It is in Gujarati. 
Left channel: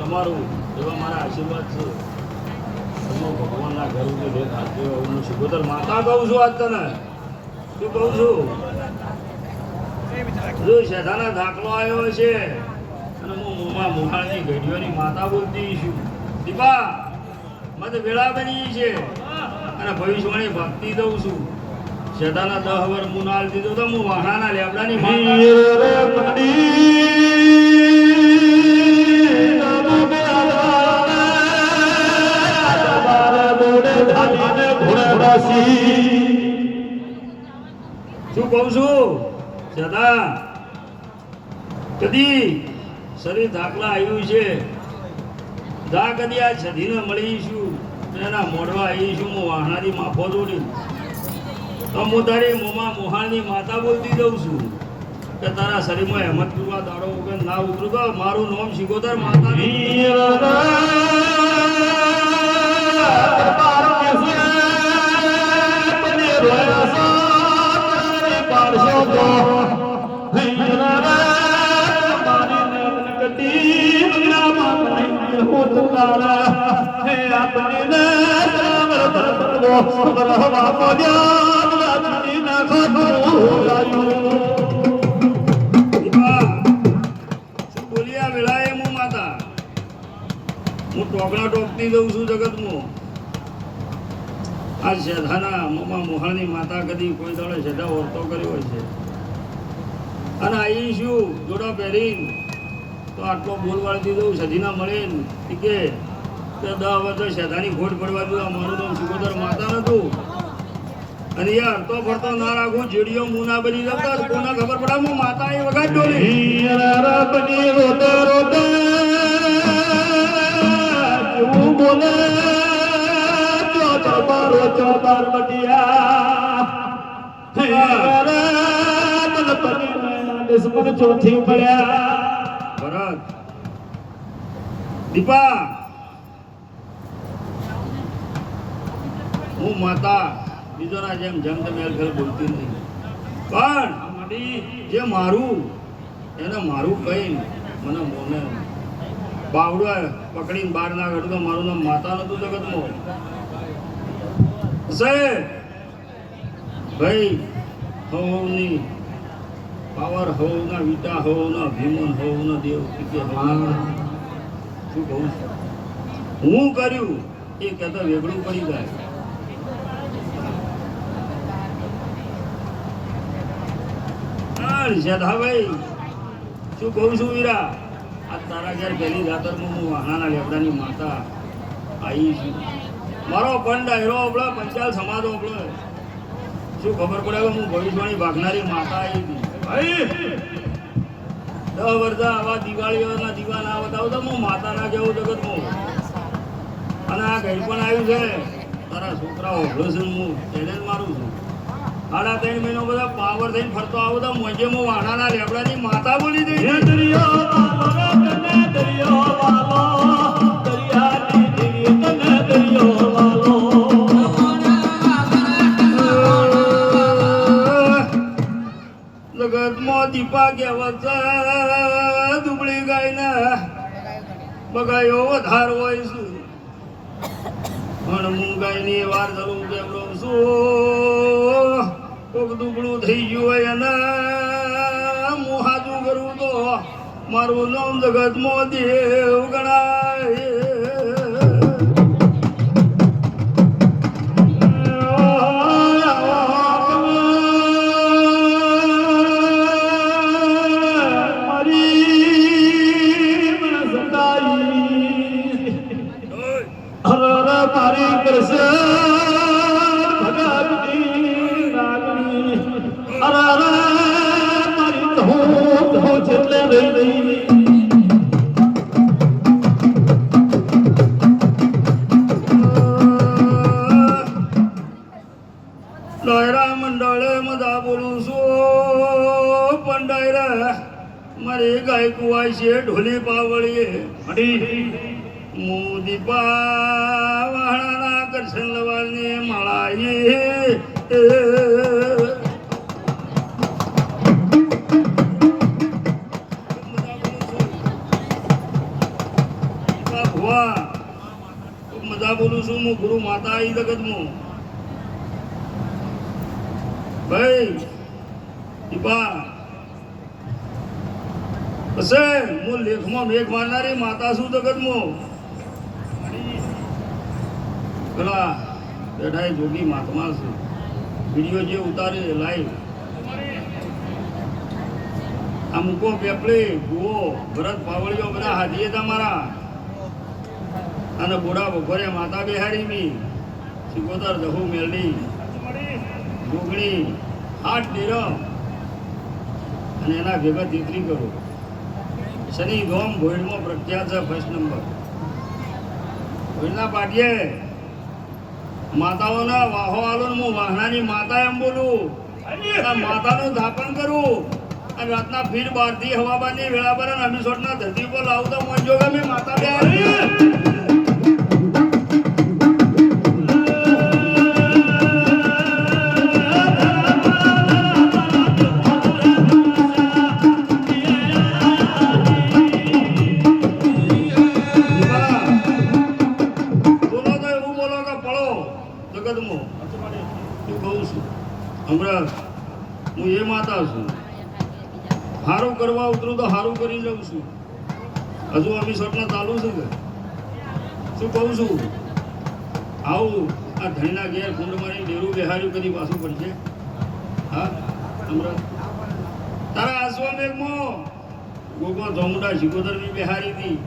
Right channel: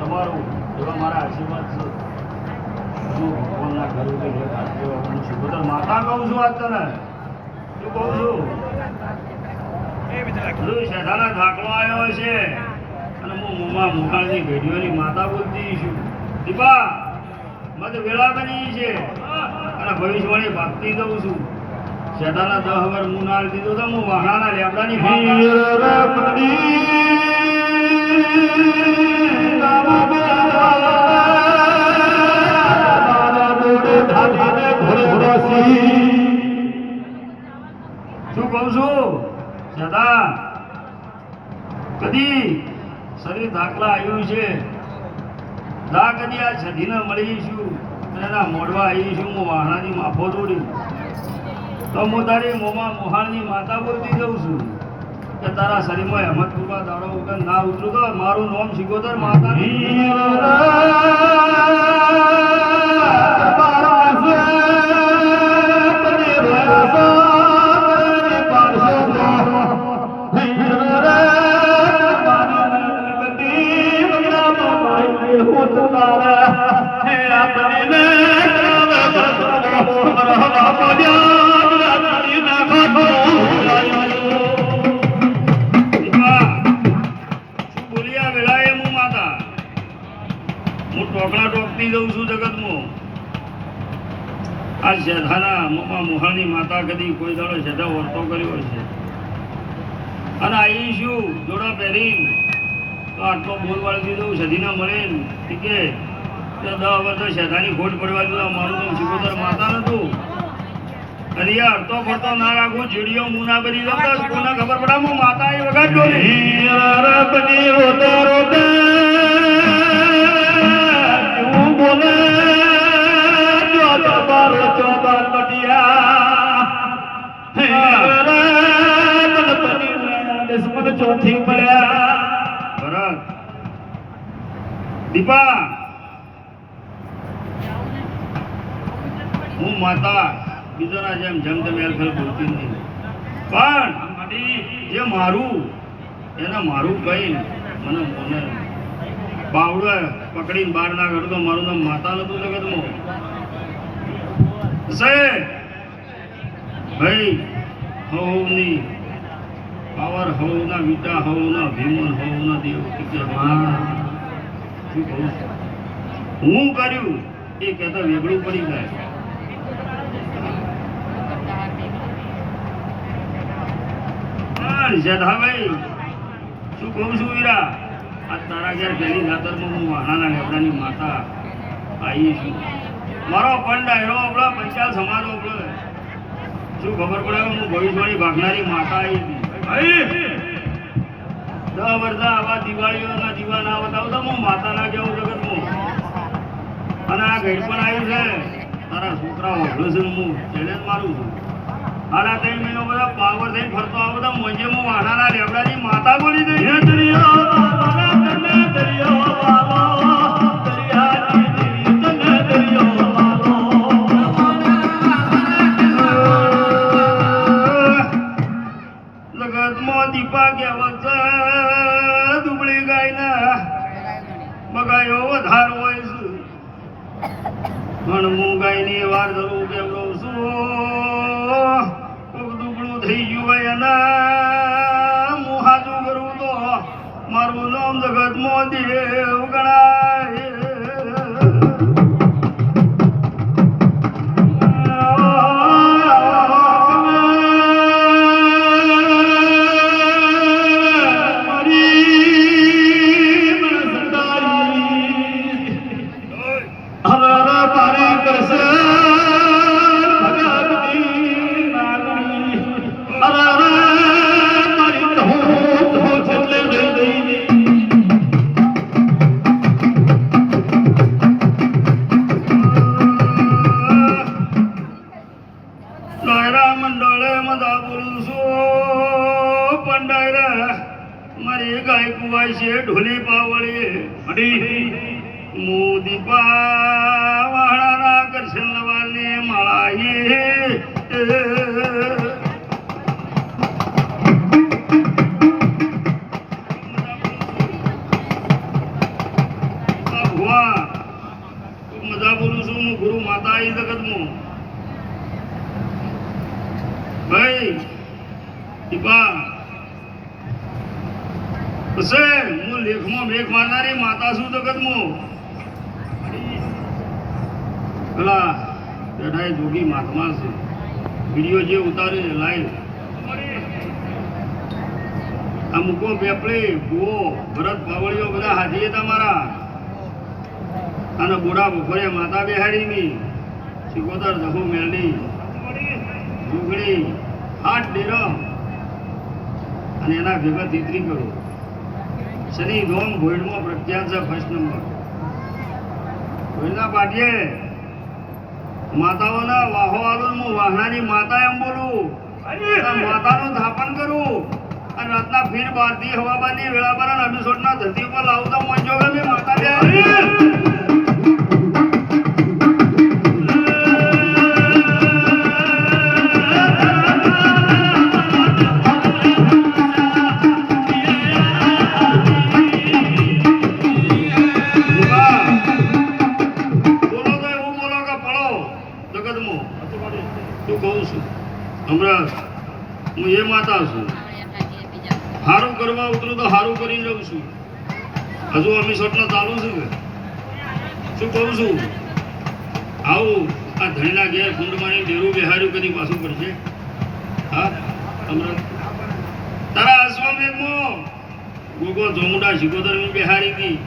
તમારું એવા મારા આશીર્વાદ છે. ભગવાનના કહ્યું કે જે કહું છું આજ તને. કહું છું? શેઠાના ધાકલો આવ્યો છે. મુમાં મોટાની ઘડીઓની માતા બોલતી છું દીપા, મને વેળા બની છે. અને ભવિષ્યવાણી ભક્તિ દઉં છું. શેઠાના દહ વર નાળ દીધું તો હું વાહણાના લેબડાની માતા. શું કહું છું? દાદા કદી શરીર દાખલા આવ્યું છે. આ છધીને મળીશું. એના મોઢવા આવીશું. હું વાહનાની માફો દોડી. તો હું તારી મોમાં મોહાણની માતા બોલતી દઉં છું. કે તારા શરીરમાં હેમત પૂરવા દાડો વગર ના ઉતરું. તો મારું નામ શીખોતર માતા માતા ટોકતી દઉં છું જગતમાં માતા કદી કોઈ દાડો વર્તો કર્યો છે અને આવી શું જોડા પહેરી તો આટલો બોલ વાળી દઉં સધીના મળે તો દસ વર્ષ શેઠાની ખોટ પડવા દઉં મારું નામ સિકોદર માતા નતું અને યાર તો ફરતો ના રાખું ચીડીઓ મું બની દઉં કોને ખબર પડે હું માતા એ વગાડજો ને ચોથી પડ્યા ભરત દીપા હું માતા બીજોના જેમ જેમ તમે એલફેલ બોલતી નથી. પણ જે મારું, એને મારું કઈ મને મને બાવડે પકડીને બહાર ના કાઢું મારું નામ માતા નતું જગતમાં ભાઈ, હોવની પાવર, હોવના વિટા ના ભીમન, હોવના દેવ કે? હું કર્યું, એ કહેતા વેગળું પડી જાય. પણ શેઠાભાઈ શું કહું છું વીરા? આ તારા ઘેર પહેલી હું વાણાના લેબડાની માતા આવી છું. મારો પણ ડાયરો આપણા પંચાલ સમાજ આપણે શું ખબર પડે હું ભવિષ્યવાણી ભાગનારી માતા આવી હતી? દસ વર્ષ આવા દિવાળીઓના દીવાના બતાવું હું માતાના કેવું જગતમાં અને આ ઘર પણ આવ્યું છે. તારા છોકરાઓ ઓઢો છે, હું જ મારું છું. આના ત્રણ મહિનો બધા પાવર થઈને ફરતો આવું તો મજે વાડાના રેબડાની માતા બોલી દઈ જગતમાં દીપા કહેવત દુબળી ગાયના બગાયો વધાર હોય છું પણ હું ગાયની વાર કેમ કહું છું કોક દુબળું થઈ ગયું હોય અને હું હાથું કરું તો મારું નામ જગત દેવ ગણાય. મને પાવળે મોદી પાવાળાના કરશન લવાને માળાએ. ગુરુ માતા ભાઈ દીપા હશે. હું લેખમાં મેઘ મારનારી માતા છું જગતમાં? પેલા બેઠા જોગી મહાત્મા છે. વીડિયો જે ઉતારે લાઈવ. આ મૂકો પેપડે ભૂવો ભરત પાવળીઓ બધા હાથીએ તમારા. અને બોડા બપોરે માતા બિહારીની સિકોતર દહો મેલડી. ડુગળી, હાથ ડેરો. અને એના ભેગા તીતરી કરો. શનિ ધોમ ભોયડમાં પ્રખ્યાત છે ફર્સ્ટ નંબર ભોજના પાટીએ માતાઓના વાહો આલો હું વાહનાની માતા એમ બોલું માતાનું સ્થાપન કરું. અને રાતના ફીર બારથી હવાબાની વેળાબાર અને અભિષોટના ધરતી પર લાવતા મંજો ગમે માતા બે હમણાં હું એ માતા છું. સારું કરવા ઉતરું તો સારું કરી રહું છું. હજુ અમીસોટના ચાલુ છું. શું કહું છું? આવું, આ ધણીના ઘેર કુંડમાની ડેરું બેહાર્યું કદી પાછું પડશે? હા? હમણાં? તારા અશ્વમેઘમાં ગોગો, જમુડા શિકોતરની બેહારી હતી